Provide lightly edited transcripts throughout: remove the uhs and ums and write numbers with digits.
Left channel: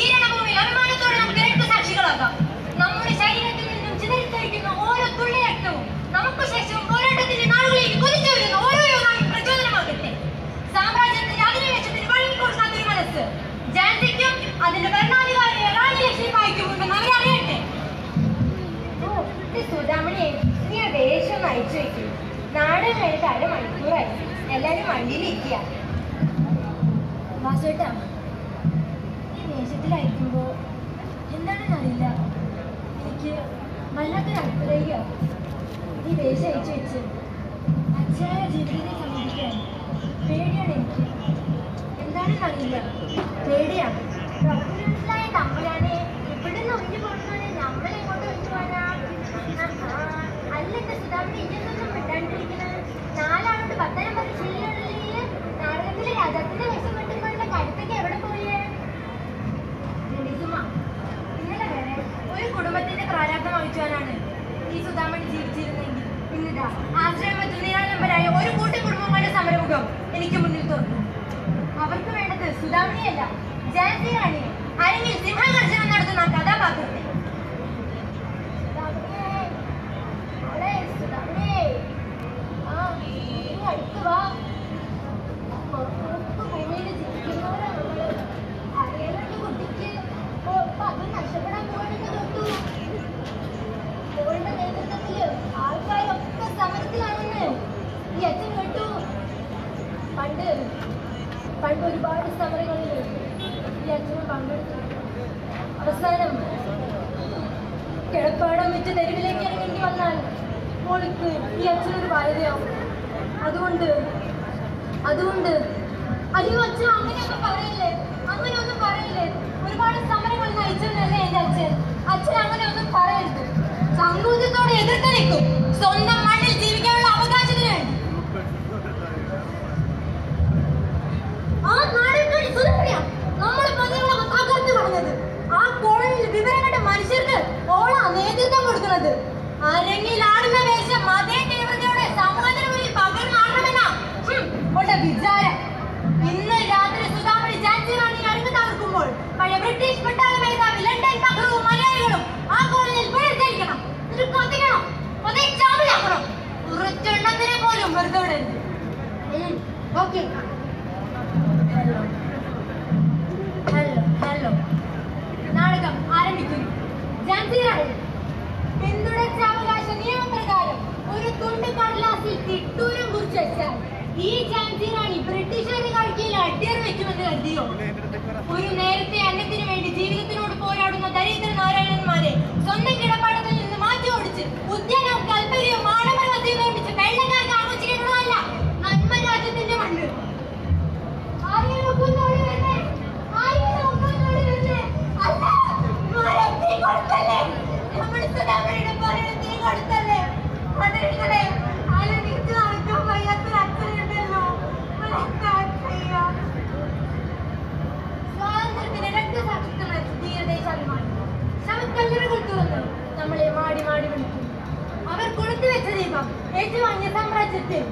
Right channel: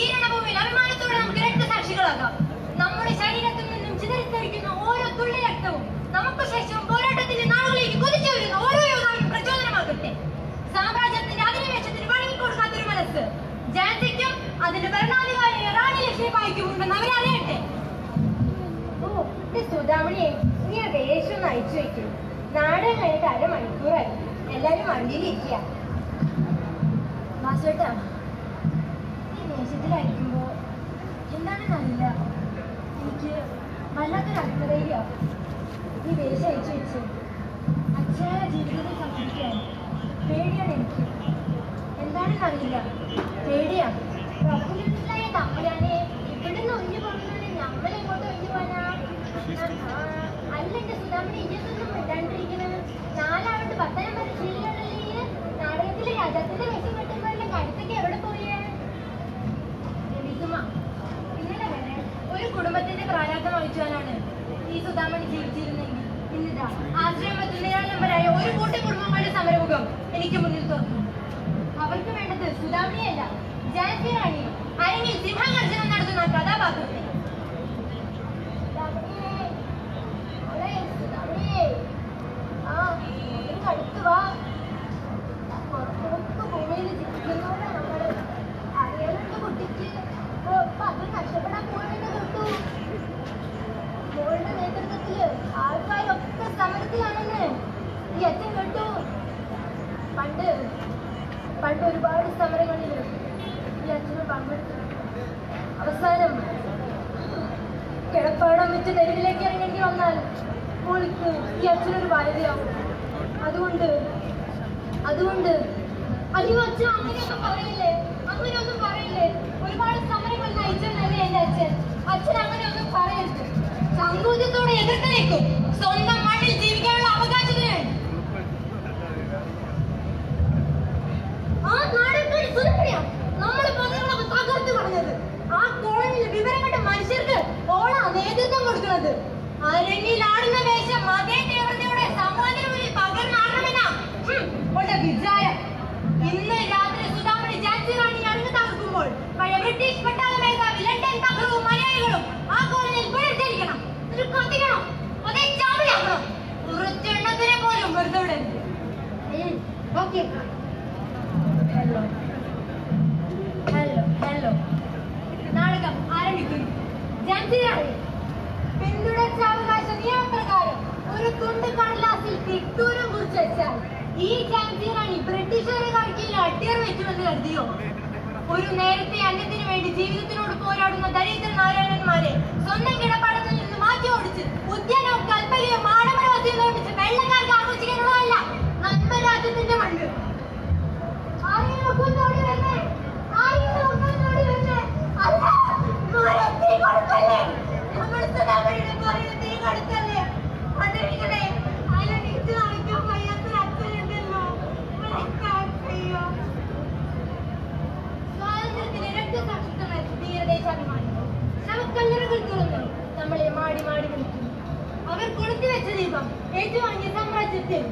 ഈ രണഭൂമിയിൽ അഭിമാനത്തോടെ നമുക്ക് രക്തസാക്ഷികളാകാം. നമ്മുടെ ശരീരത്തിൽ നിന്നും ചിതറിത്തെറിക്കുന്ന ഓരോ തുള്ളി രക്തവും നമുക്ക് ശേഷവും പോരാട്ടത്തിന്റെ നാളുകളിലേക്ക് കുതിച്ചു വരുന്ന ഓരോ യോദ്ധാവിനും പ്രചോദനമാകട്ടെ. സാമ്രാജ്യത്തിന്റെ അധിനിവേശത്തിന് വഴങ്ങിക്കൊടുക്കാത്ത ഒരു മനസ്സ് ജാൻസിക്കും അതിന്റെ ഭരണാധികാരിയായ റാണി ലക്ഷ്മിബായിക്കും ഉണ്ടെന്ന് അവരറിയട്ടെ. സുധാമണിയെ നീ വേഷം നയിച്ചു വെക്കും. നാട് കഴിഞ്ഞിട്ട് അരമണിക്കൂറായി. എല്ലാരും വണ്ടിയിലിരിക്കുക. വാസുവേട്ടാ, ഈ വേഷത്തിലായിരിക്കുമ്പോ എന്താണെന്ന് അറിയില്ല, എനിക്ക് വല്ലാത്തൊരു അടുത്തറിയുക. ഈ വേഷം അയച്ചു വെച്ച് അച്ഛനായ ജീവിതത്തെ സംബന്ധിക്കാൻ പേടിയാണ് എനിക്ക്. എന്താണെന്ന് അറിയില്ല, പേടിയാണ്. പ്രഭുവിനായ തമ്പുരാനെ ഇവിടുന്ന് ഒഴിഞ്ഞു പോകുന്നത് നമ്മളെങ്ങോട്ട് ഒഴിഞ്ഞു പോകാനാ? അല്ലെന്റെ സുധാമണി ഇതൊന്നും വിടാണ്ടിരിക്കുന്നത്. 4 ആളോട് 19 ശീലങ്ങളിൽ നാടകത്തിലെ രാജാത്തിന്റെ വേഷം കിട്ടുന്നതിന്റെ കടുത്തേക്ക് എവിടെ പോയേ? ഇന്നലെ വരെ ഒരു കുടുംബത്തിന്റെ പ്രാരാബ്ദം വഹിച്ചുവാനാണ് ഈ സുധാമണി ജീവിച്ചിരുന്നെങ്കിൽ ഇന്നിതാ ആശ്രമത്തിൽ നിരാളംബരായ ഒരു കൂട്ടി കുടുംബങ്ങളുടെ സമരമുഖം എനിക്ക് മുന്നിൽ തുറന്നു. അവർക്ക് വേണ്ടത് സുധാമണിയല്ല, ജാൻസി റാണിയെ, അല്ലെങ്കിൽ സിംഹഗർജനം നടത്തുന്ന കഥാപാത്രത്തെ. ആൾക്കാരൊക്കെ സമരത്തിലാണെന്ന് ഈ അച്ഛൻ കേട്ടു. പണ്ട് ഒരുപാട് സമരങ്ങളിൽ ഈ അച്ഛനും പങ്കെടുത്തിട്ടുണ്ട്. അവസാനം കിടപ്പാടം വെച്ച് തെരുവിലേക്ക് ഇറങ്ങേണ്ടി വന്നാൽ മോൾക്ക് ഈ അച്ഛനൊരു ഭാര്യയാവും. അതുകൊണ്ട് അയ്യോ അച്ഛൻ അങ്ങനെയൊന്നും പറയില്ലേ. ഒരുപാട് സമരങ്ങൾ നയിച്ചെന്നല്ലേ എന്റെ അച്ഛൻ അങ്ങനെയൊന്നും പറയരുത്. സങ്കോചത്തോടെ എതിർത്ത് നിൽക്കും. സ്വന്തം മണ്ണിൽ ജീവിക്കാനുള്ള അവകാശത്തിന് വേണ്ടി. ആ നാടകക്കാരി സുധമണിയാണ് നമ്മുടെ പദങ്ങളൊക്കെ തകർത്ത് കളഞ്ഞത്. ആ കോളനിയിൽ വിവരപ്പെട്ട മനുഷ്യർക്ക് ഓളാ നേതൃത്വം കൊടുക്കുന്നത്. അരങ്ങിലാടുന്ന വേഷം അതേ തീവ്രതയോടെ സമൂഹത്തിന് മുന്നിൽ പകർന്നാടണമെന്നാ ഉള്ള വിചാരം. ഇന്ന് രാത്രി സുധാമണി ജാൻസി റാണി അരങ്ങ് തകർക്കുമ്പോൾ പഴയ ബ്രിട്ടീഷ് പട്ടാള മേധാവി ലണ്ടൻ ബഹ്റവും മലയാളികളും ആ കോളനിയിൽ പുനർജനിക്കണം. കത്തിക്കണം, അതേ ചാവിലാക്കണം. കുറച്ചെണ്ണത്തിനെ പോലും വെറുതെ വിടരുത്. ഓക്കെ. ഹലോ, നാടകം ആരംഭിക്കുന്നു. ജാൻസി റാണി പിന്തുടർച്ചാവകാശ നിയമപ്രകാരം ഒരു തുണ്ട് കടലാസിൽ തിട്ടൂരം കുറിച്ച് വെച്ചാൽ ഈ ജാൻസി റാണി ബ്രിട്ടീഷുകാർക്ക് അടിയർ വെക്കുമെന്ന് കരുതിയോ? ഒരു നേരത്തെ അന്നത്തിനു വേണ്ടി ജീവിതത്തിനോട് പോരാടുന്ന ദരിദ്ര നാരായണന്മാരെ സ്വന്തം കിടപ്പാടത്തിൽ നിന്ന് മാറ്റി ഓടിച്ച് ഉദ്യാനവും കൽപ്പകയും ആഡംബരവസ്തുവും നിർമ്മിച്ച് വെള്ളക്കാർക്ക് ആഘോഷിക്കാനുള്ളതല്ല നന്മരാജ്യത്തിന്റെ മണ്ണ്. സ്വാതന്ത്ര്യത്തിന് രക്തസാക്ഷിത്വം ധീരദേശാഭിമാനം ശവക്കല്ലറുകൾ തുറന്ന് നമ്മളെ മാടി മാടി വിളിക്കും. അവർ കൊടുത്തു വെച്ച ദീപം ഏറ്റുവാങ്ങിയ സാമ്രാജ്യത്തിൽ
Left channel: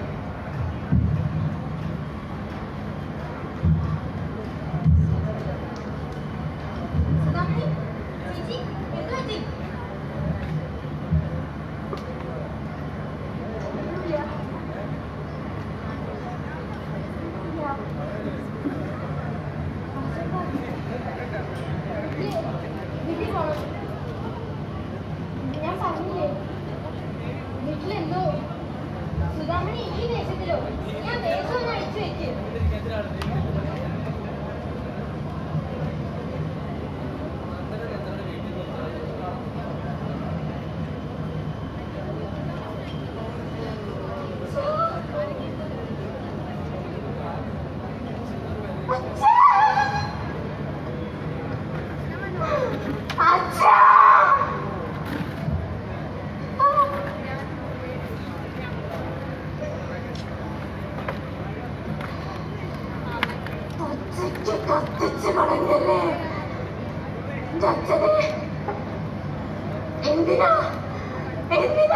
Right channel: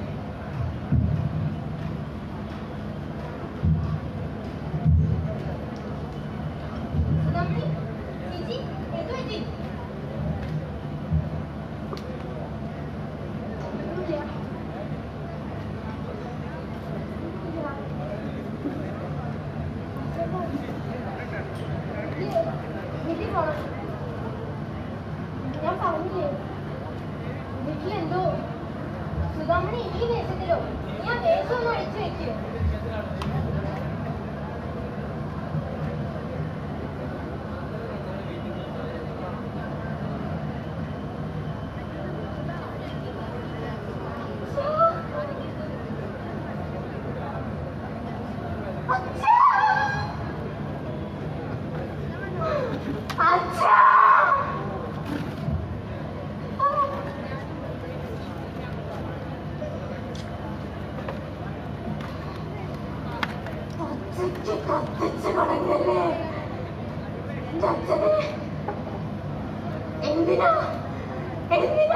ഞാൻ പറഞ്ഞില്ലേ വീട്ടിലെന്തോ സുധാമണി ഈ വേഷത്തിലോ ഞാൻ വേഷം ഒന്ന് അടിച്ചു വെക്കും. എന്തിനാ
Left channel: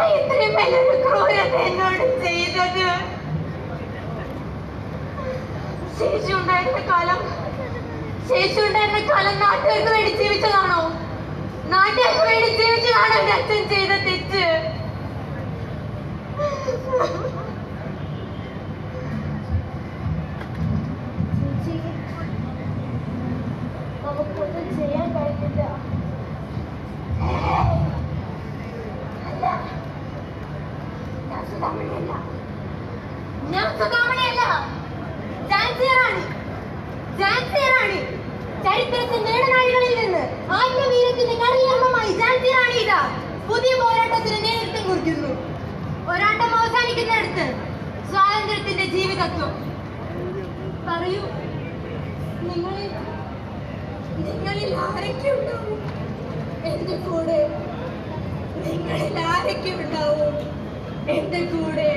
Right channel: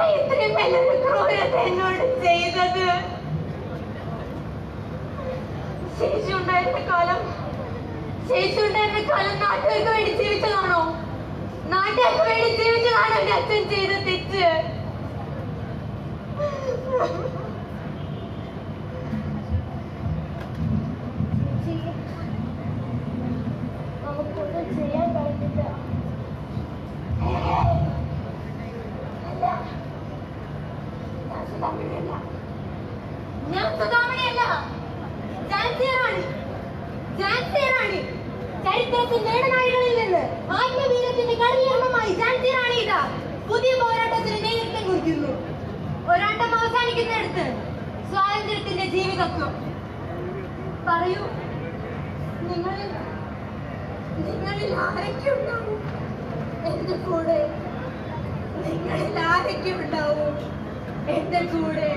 ഇത്രയും വലിയൊരു ക്രൂരത എന്നോട് ചെയ്തത്? ശേഷി ഉണ്ടായിരുന്ന കാലം ശേഷിയുണ്ടായിരുന്ന കാലം നാട്ടുകാർക്ക് വേണ്ടി ജീവിച്ചതാണോ? നാട്ടുകാർക്ക് വേണ്ടി ജീവിച്ചതാണോ എന്റെ അച്ഛൻ ചെയ്ത തെറ്റ്? നമുക്കൊന്നും ചെയ്യാൻ കഴിയില്ല. ഞാൻ സുധാമണിയല്ല, ജാൻസിയറാണ്. ചരിത്രത്തിൽ നേടനാഴികളിൽ നിന്ന് ആത്മവീര്യത്തിന്റെ കളിയർമ്മമായി ജാൻസിയറാണ് ഇതാ പുതിയ പോരാട്ടത്തിന് നേതൃത്വം കുറിക്കുന്നു. പോരാട്ടം അവസാനിക്കുന്നിടത്ത് സ്വാതന്ത്ര്യത്തിന്റെ ജീവിതത്വം. പറയൂ, നിങ്ങളിൽ ആരൊക്കെ ഉണ്ടാവും എന്റെ കൂടെ? നിങ്ങളിൽ ആരൊക്കെ ഉണ്ടാവും എന്റെ കൂടെ?